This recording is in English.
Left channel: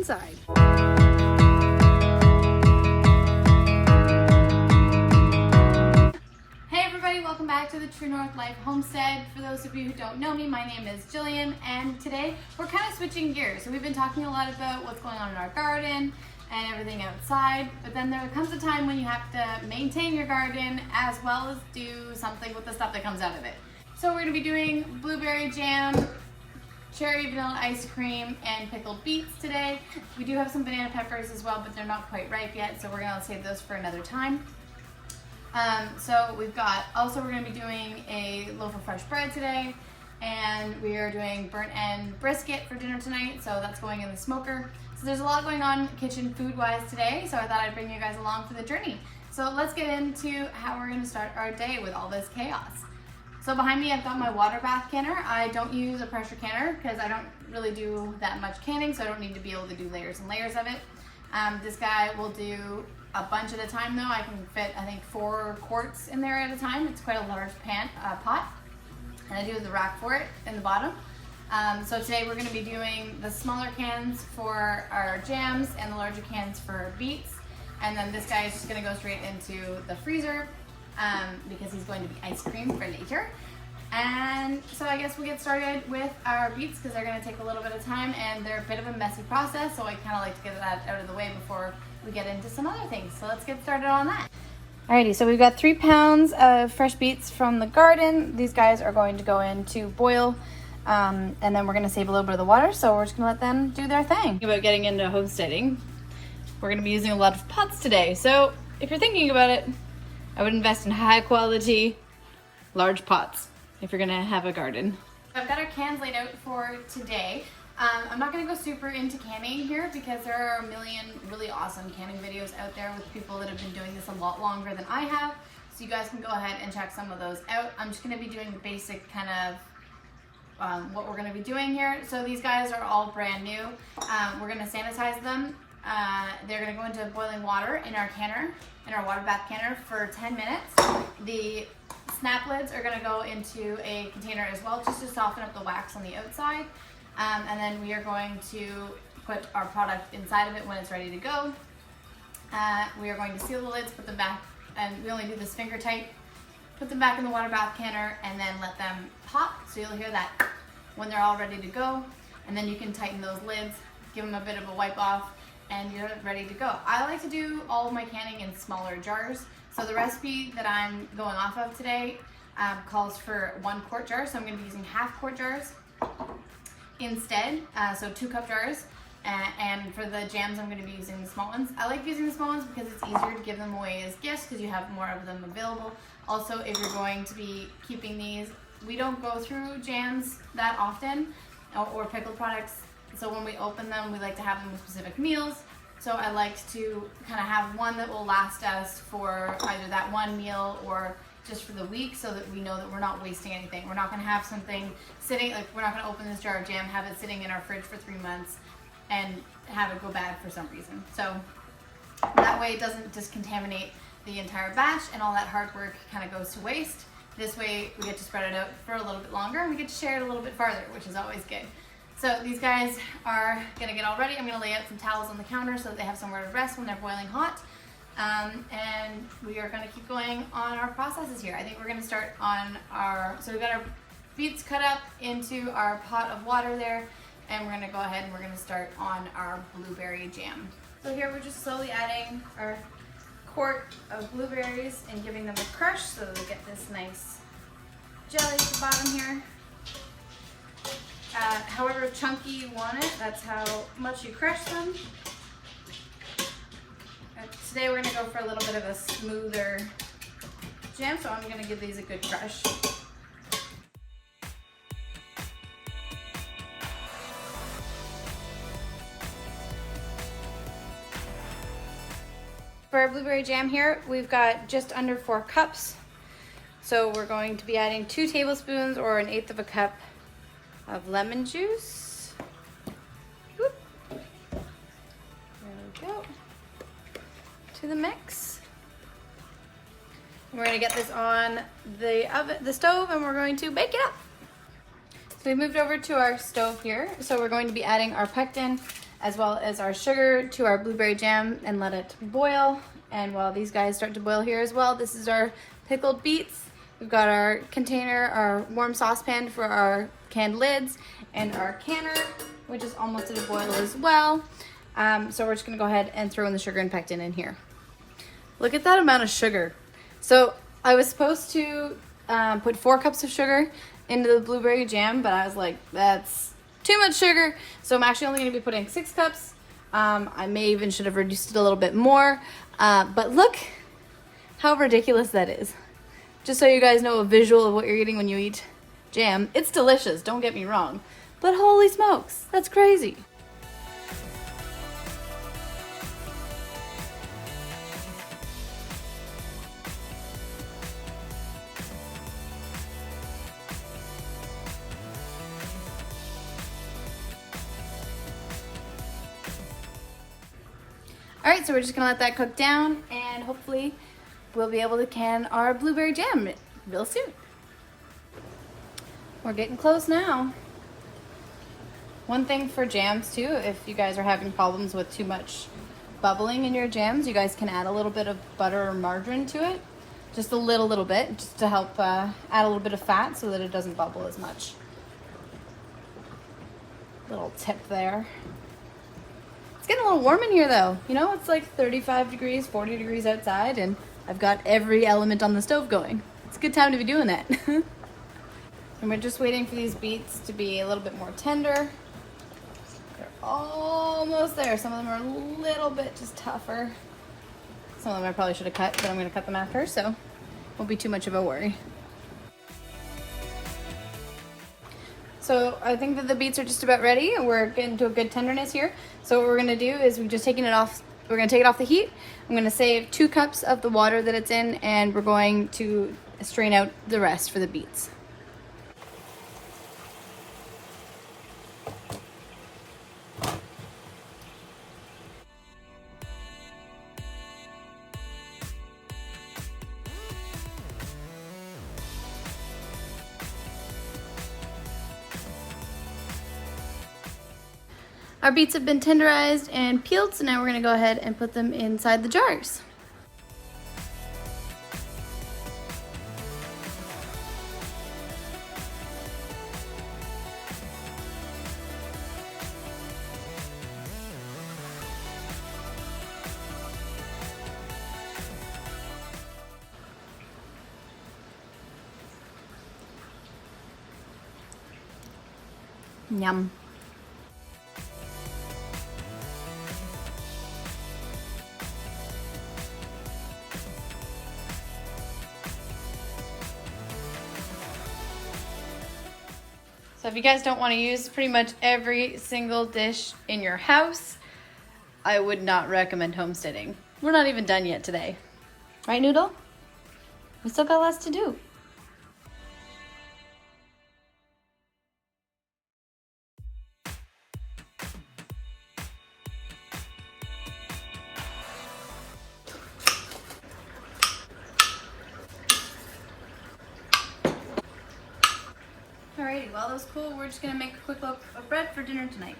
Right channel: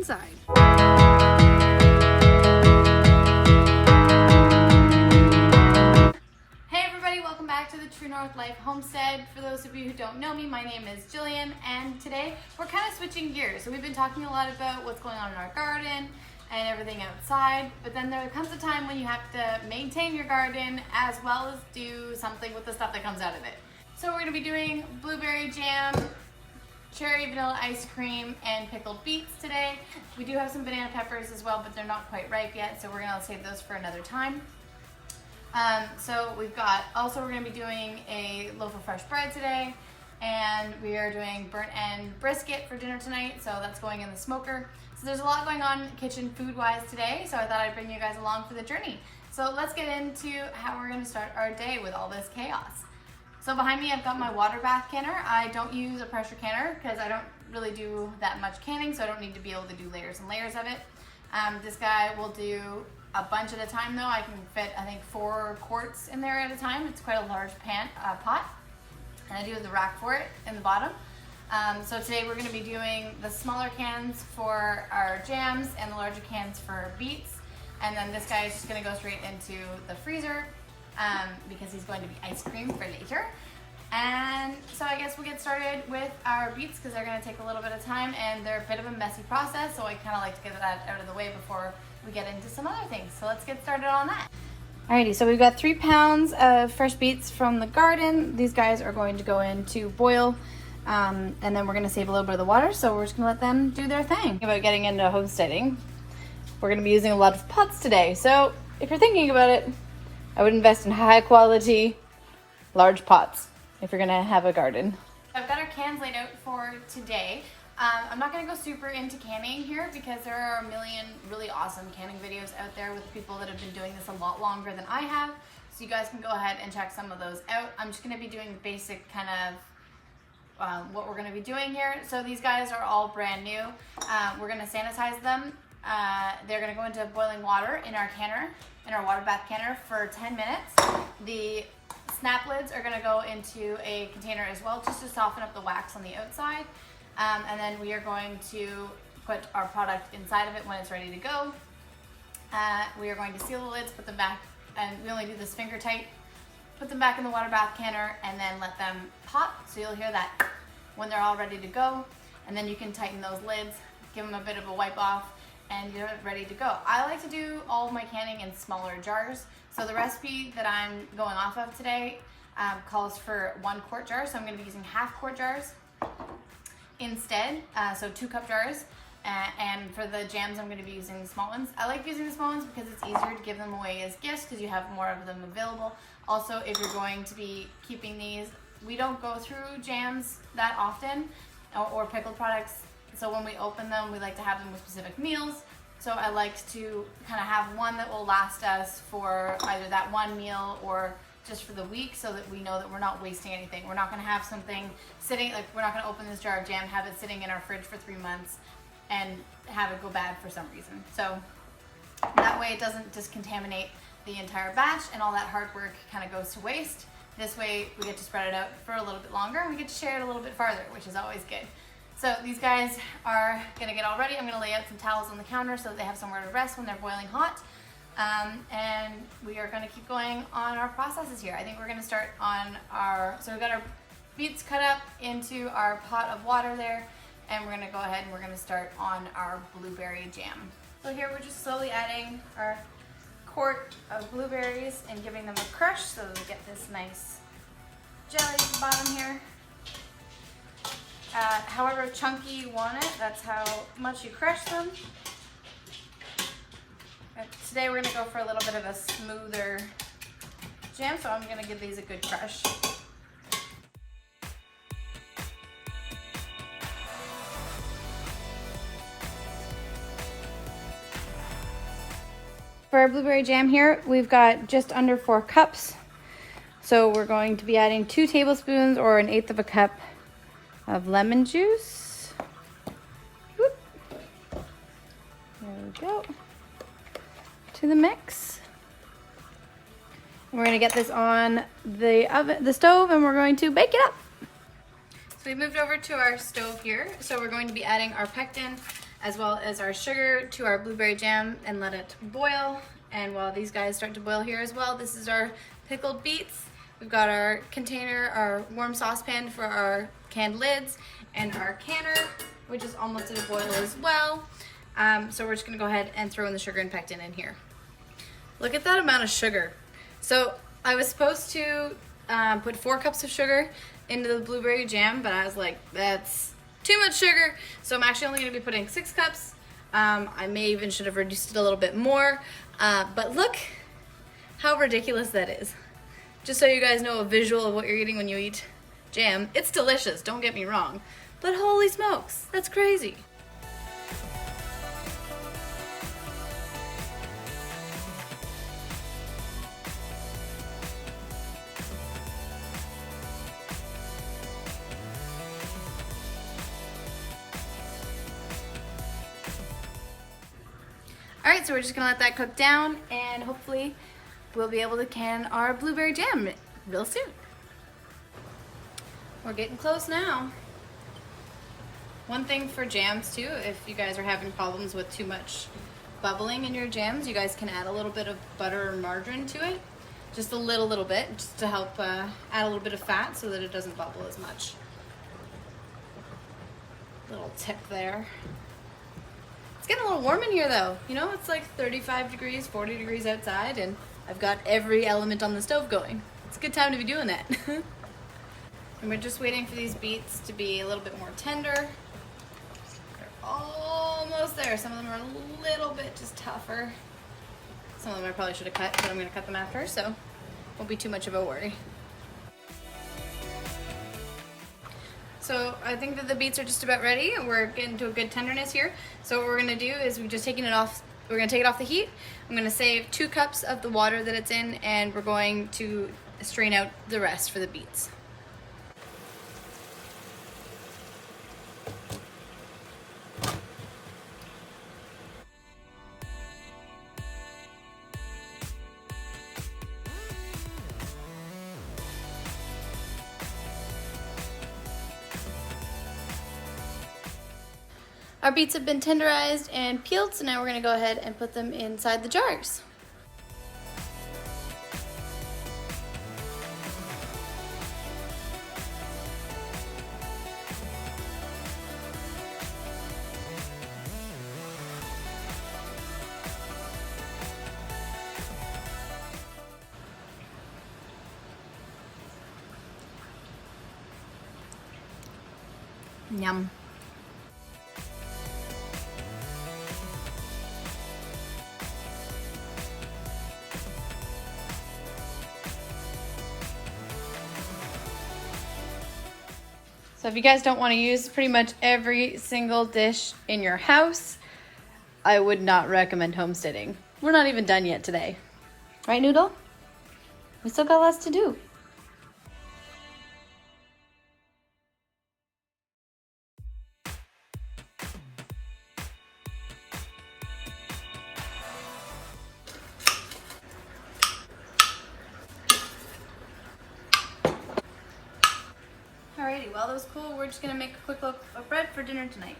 inside. Hey everybody, welcome back to the True North Life Homestead. For those of you who don't know me, my name is Jillian, and today we're kind of switching gears. So we've been talking a lot about what's going on in our garden and everything outside, but then there comes a time when you have to maintain your garden as well as do something with the stuff that comes out of it. So we're gonna be doing blueberry jam, cherry vanilla ice cream, and pickled beets today. We do have some banana peppers as well, but they're not quite ripe yet, so we're gonna save those for another time. So we've got, also we're gonna be doing a loaf of fresh bread today, and we are doing burnt end brisket for dinner tonight, so that's going in the smoker. So there's a lot going on kitchen food wise today, so I thought I'd bring you guys along for the journey. So let's get into how we're gonna start our day with all this chaos. So behind me I've got my water bath canner. I don't use a pressure canner because I don't really do that much canning, so I don't need to be able to do layers and layers of it. This guy will do a bunch at a time though. I can fit, I think, 4 quarts in there at a time. It's quite a large pot. And I do the rack for it in the bottom. So today we're gonna be doing the smaller cans for our jams and the larger cans for beets. And then this guy is just gonna go straight into the freezer because he's going to be ice cream for later. And so I guess we'll get started with our beets because they're gonna take a little bit of time and they're a bit of a messy process. So I kind of like to get that out of the way before we get into some other things. So let's get started on that. Alrighty, so we've got 3 pounds of fresh beets from the garden. These guys are going to go in to boil. And then we're gonna save a little bit of the water, so we're just gonna let them do their thing. About getting into homesteading, we're gonna be using a lot of pots today. So if you're thinking about it, I would invest in high quality, large pots if you're gonna have a garden. I've got our cans laid out for today. I'm not gonna go super into canning here because there are a million really awesome canning videos out there with people that have been doing this a lot longer than I have. So you guys can go ahead and check some of those out. I'm just gonna be doing the basic kind of what we're gonna be doing here. So these guys are all brand new. We're gonna sanitize them. They're gonna go into boiling water in our canner, in our water bath canner for 10 minutes. The snap lids are gonna go into a container as well, just to soften up the wax on the outside. And then we are going to put our product inside of it when it's ready to go. We are going to seal the lids, put them back, and we only do this finger tight. Put them back in the water bath canner and then let them pop. So you'll hear that when they're all ready to go. And then you can tighten those lids, give them a bit of a wipe off, and you're ready to go. I like to do all of my canning in smaller jars. So the recipe that I'm going off of today calls for 1 quart jar. So I'm gonna be using half quart jars instead, so 2 cup jars. And for the jams, I'm going to be using the small ones. I like using the small ones because it's easier to give them away as gifts because you have more of them available. Also, if you're going to be keeping these, we don't go through jams that often or pickled products. So when we open them, we like to have them with specific meals. So I like to kind of have one that will last us for either that one meal or just for the week so that we know that we're not wasting anything. We're not going to have something sitting, like we're not going to open this jar of jam, have it sitting in our fridge for 3 months and have it go bad for some reason. So that way it doesn't just contaminate the entire batch and all that hard work kind of goes to waste. This way we get to spread it out for a little bit longer and we get to share it a little bit farther, which is always good. So these guys are gonna get all ready. I'm gonna lay out some towels on the counter so that they have somewhere to rest when they're boiling hot. And we are gonna keep going on our processes here. I think we're gonna start on so we've got our beets cut up into our pot of water there. And we're gonna go ahead and we're gonna start on our blueberry jam. So here we're just slowly adding our quart of blueberries and giving them a crush so that they get this nice jelly at the bottom here. However chunky you want it, that's how much you crush them. Today we're gonna go for a little bit of a smoother jam, so I'm gonna give these a good crush. For our blueberry jam here, we've got just under 4 cups. So we're going to be adding 2 tablespoons or 1/8 of a cup of lemon juice. Whoop. There we go. To the mix. We're gonna get this on the stove and we're going to bake it up. So we moved over to our stove here. So we're going to be adding our pectin as well as our sugar to our blueberry jam and let it boil. And while these guys start to boil here as well, this is our pickled beets. We've got our container, our warm saucepan for our canned lids, and our canner, which is almost at a boil as well. So we're just gonna go ahead and throw in the sugar and pectin in here. Look at that amount of sugar. So I was supposed to put 4 cups of sugar into the blueberry jam, but I was like, that's too much sugar. So I'm actually only gonna be putting 6 cups. I may even should have reduced it a little bit more, but look how ridiculous that is. Just so you guys know a visual of what you're getting when you eat jam. It's delicious, don't get me wrong, but holy smokes, that's crazy. All right, so we're just gonna let that cook down, and hopefully we'll be able to can our blueberry jam real soon. We're getting close now. One thing for jams too, if you guys are having problems with too much bubbling in your jams, you guys can add a little bit of butter or margarine to it. Just a little bit, just to help add a little bit of fat so that it doesn't bubble as much. Little tip there. It's getting a little warm in here though. You know, it's like 35 degrees, 40 degrees outside, and I've got every element on the stove going. It's a good time to be doing that. And we're just waiting for these beets to be a little bit more tender. They're almost there. Some of them are a little bit just tougher. Some of them I probably should have cut, but I'm gonna cut them after, so won't be too much of a worry. So I think that the beets are just about ready, and we're getting to a good tenderness here. So what we're gonna do is we're just taking it off. We're gonna take it off the heat. I'm gonna save 2 cups of the water that it's in, and we're going to strain out the rest for the beets. Our beets have been tenderized and peeled, so now we're gonna go ahead and put them inside the jars. Yum. So if you guys don't want to use pretty much every single dish in your house, I would not recommend homesteading. We're not even done yet today. Right, Noodle? We still got lots to do. Alrighty, while those cool, we're just gonna make a quick loaf of bread for dinner tonight.